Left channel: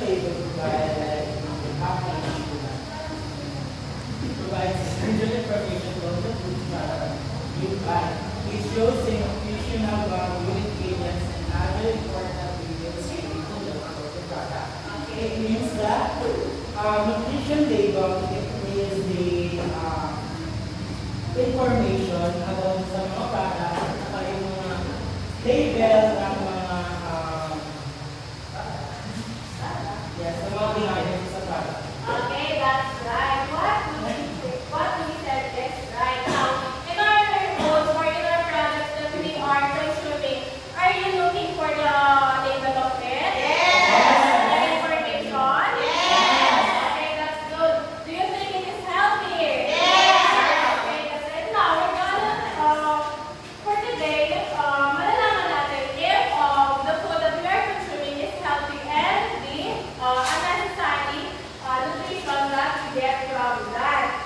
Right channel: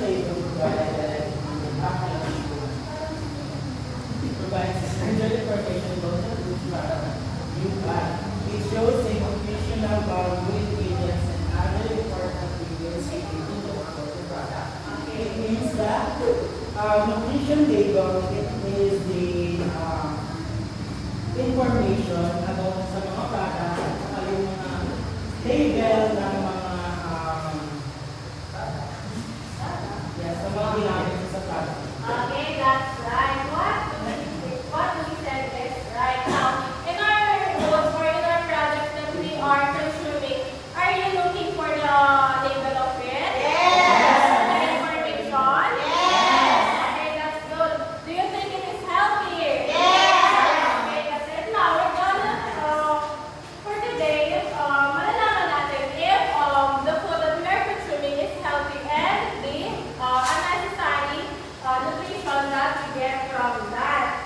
label provided provides essential information about the food product you buy. It shows the nutritional value, ingredients, and other important details related to the product. It means that nutrition label, it is the information about sa mga product at saka yung mga label ng mga sa mga ginagawa sa product. Okay, that's right. What we said is right. Now, in our goods or in our products that we are consuming, are you looking for the label of it? Yes. The information? Yes. Okay, that's good. Do you think it is healthy? Yes. Okay, that's it. Now, we're gonna, for today, malalaman natin if the food that we are consuming is healthy and the unnecessary nutrition that we get from that.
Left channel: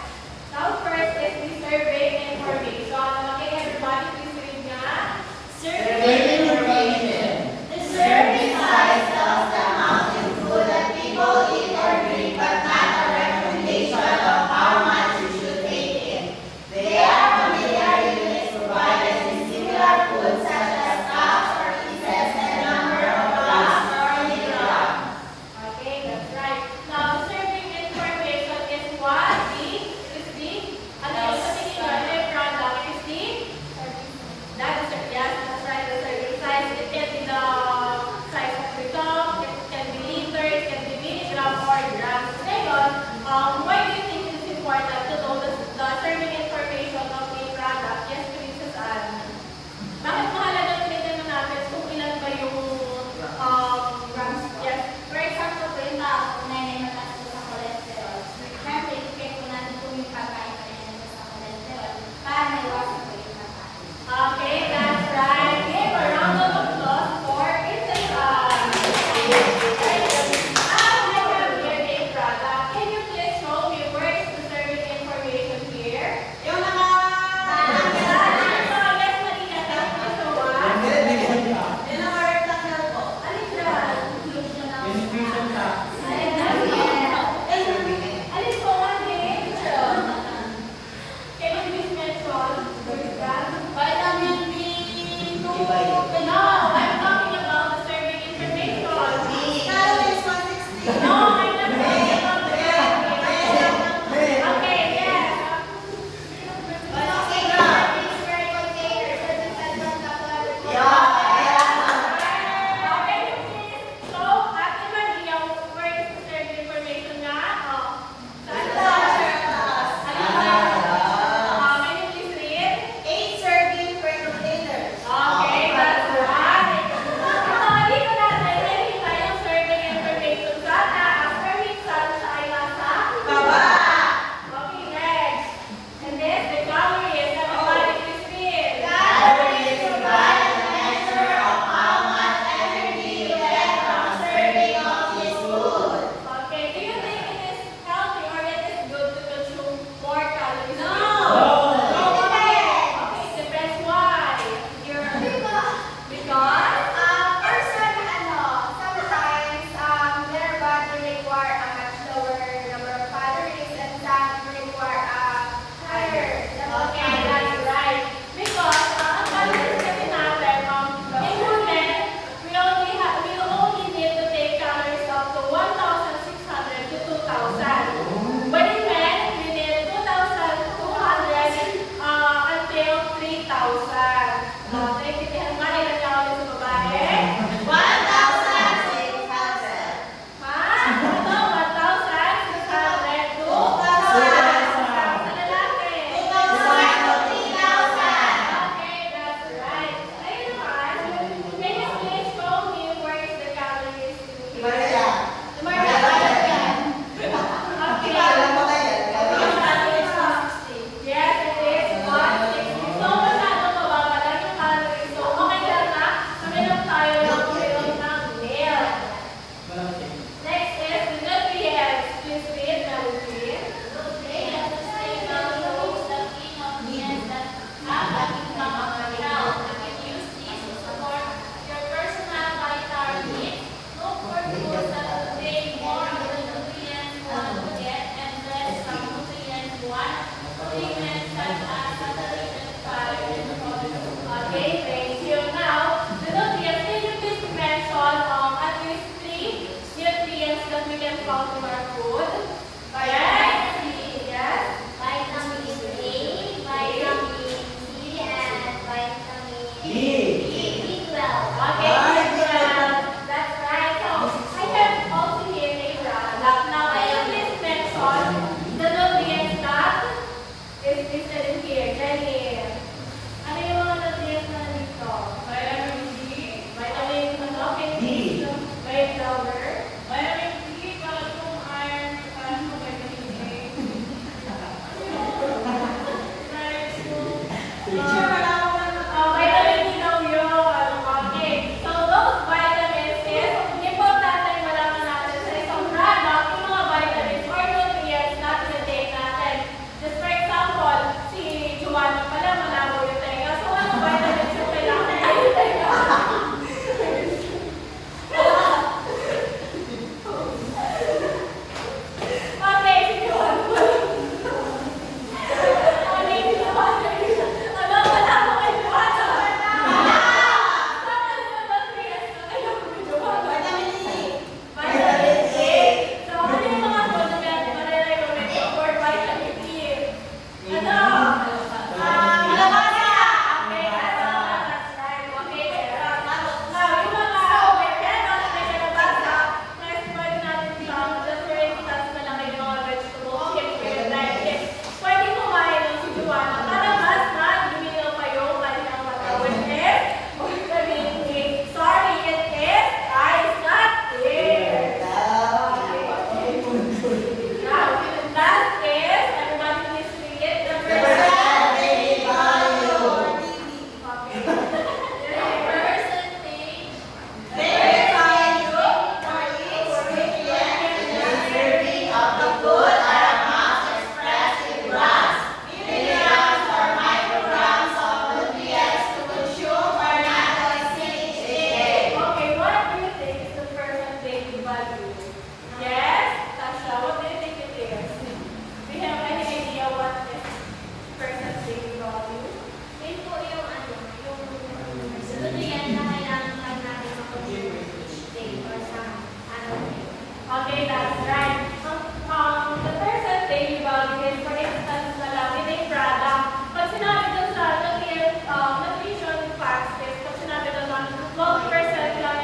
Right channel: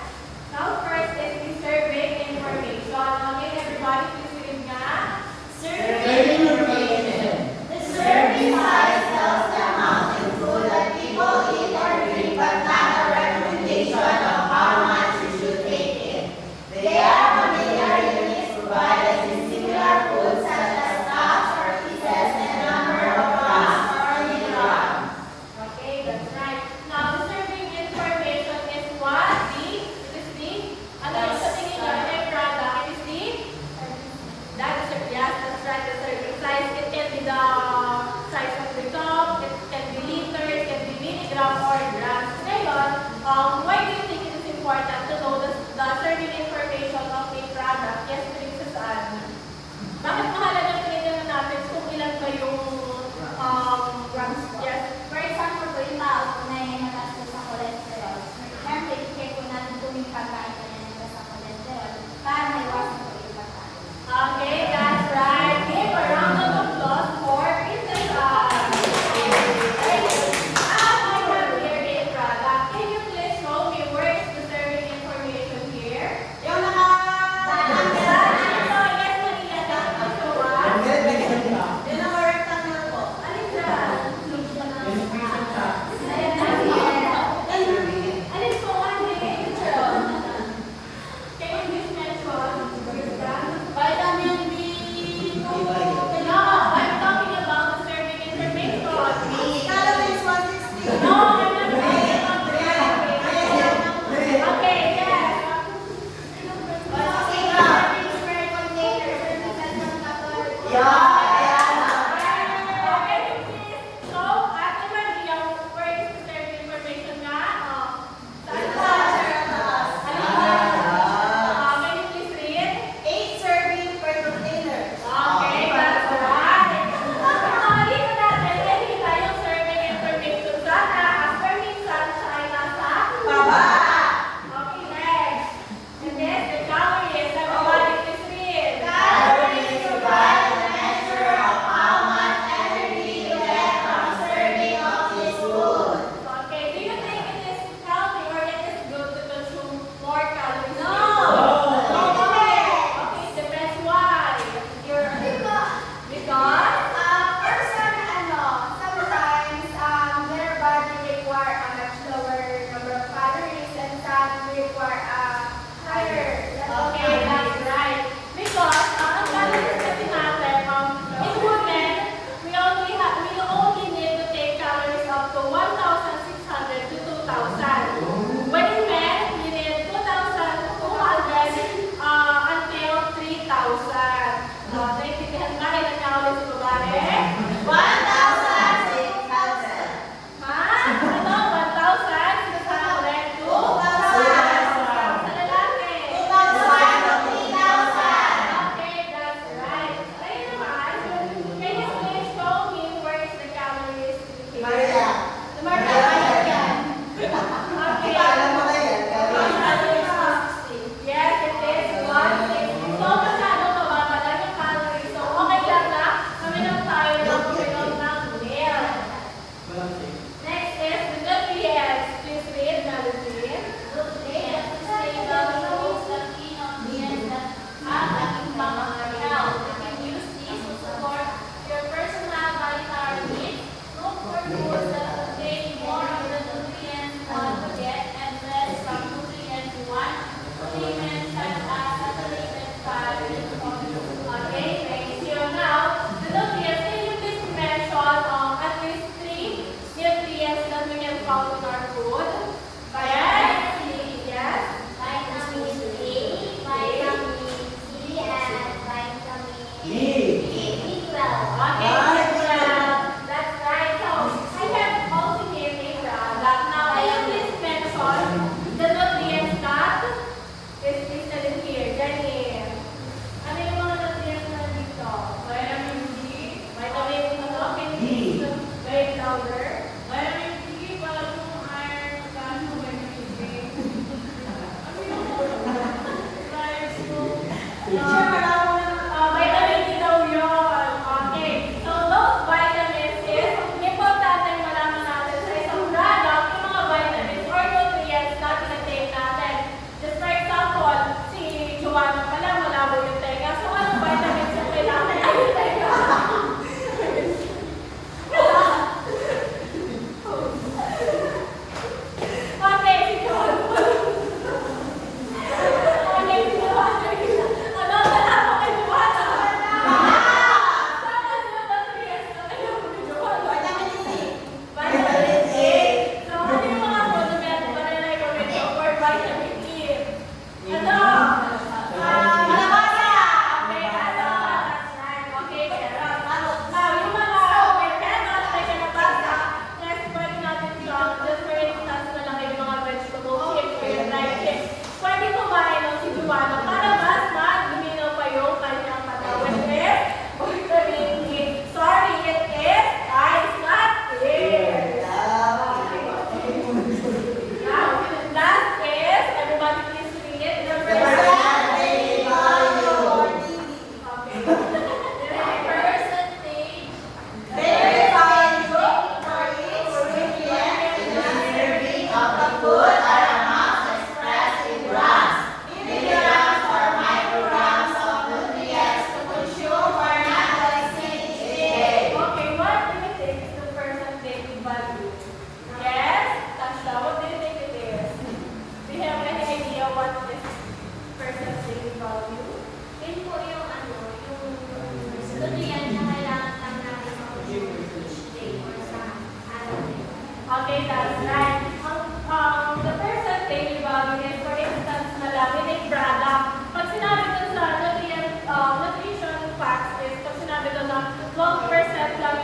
Now, first is the serving information. Okay, everybody, please read nga. Serving information. The serving size tells the amount of food that people eat or drink, but not a recommendation of how much you should take in. They are familiar units provided in similar foods such as cups or pieces and number of grams or milligrams. Okay, that's right. Now, the serving information is what? Ano yung sabihin nyo, ano yung product? It is yes, that's right, the serving size. It can be the size of the cup, it can be liter, it can be milligram or grams. Ngayon, why do you think it is important to know the serving information of a product? Yes, Princess Anne. Bakit mahalaga tinitingnan natin kung ilan ba yung grams? Yes. For example, po yung tao kung may mataas sa cholesterol. Siyempre, i-check po natin kung yung pagkain pa rin nandun sa cholesterol para maiwasan po yung pagkain. Okay, that's right. Give a round of applause for Princess Anne. Product. Can you please show me where is the serving information here? Yung naka... Yes, Maria, that's the one. Yung naka-rectangle about in our food? Yes. Yes. Vitamin A, vitamin C, and vitamin B12. Okay, well, that's right. So, I have also here a product. Now, can you please mention the nutrients that is listed in here? Jenny, ano yung mga nutrients na dito? Vitamin D, vitamin, ano, can you please write louder? Vitamin D, para itong iron, para itong vitamin A. Ano yung vitamin D daw yun. Okay. So, those vitamins is importante yung malaman natin sa isang product, yung mga vitamins or nutrients na pinatake natin. Just for example, si Joanna pala, malabo yung tenga. So, anong vitamins yung kailangan niya yung tenga? Okay, si Joanna pala. Okay, si Joanna. Ano, wala mo kay Joanna? Saan yung nutrients na alam mo ni Joanna? Vitamin A. So, ano yung mga supplements ba na recommend ko for vitamin E? Ano? Kalabasa. Okay, ano? That's right. Okay, now, yung mga may canon na kalabasa, next pwede natin siyang, just for instance na lang yung mga vegetable chips or yung dried chips. Pwede kumain ng si Joanna para mas luminaw pa yung kanyang mata. Which is vitamin E. Sorry, it is ice, not air. Now, last is, everybody please read it. The percentage. Verified group for each ingredient in the serving of the food are amounts expressed in grams, milligrams, or micrograms of nutrients to consume or not to exceed each day. Okay, what do you think is the percentage value? Yes? Tasha, what do you think it is? Do you have any idea what is percentage value? Yun po yung nutrient na kailangan lang natin consume each day or sa araw. Okay, that's right. The percentage value is, for instance, na lang, with a product. Pag sinabi dun sa nutrition facts is, pag sinabi dun na 12% lang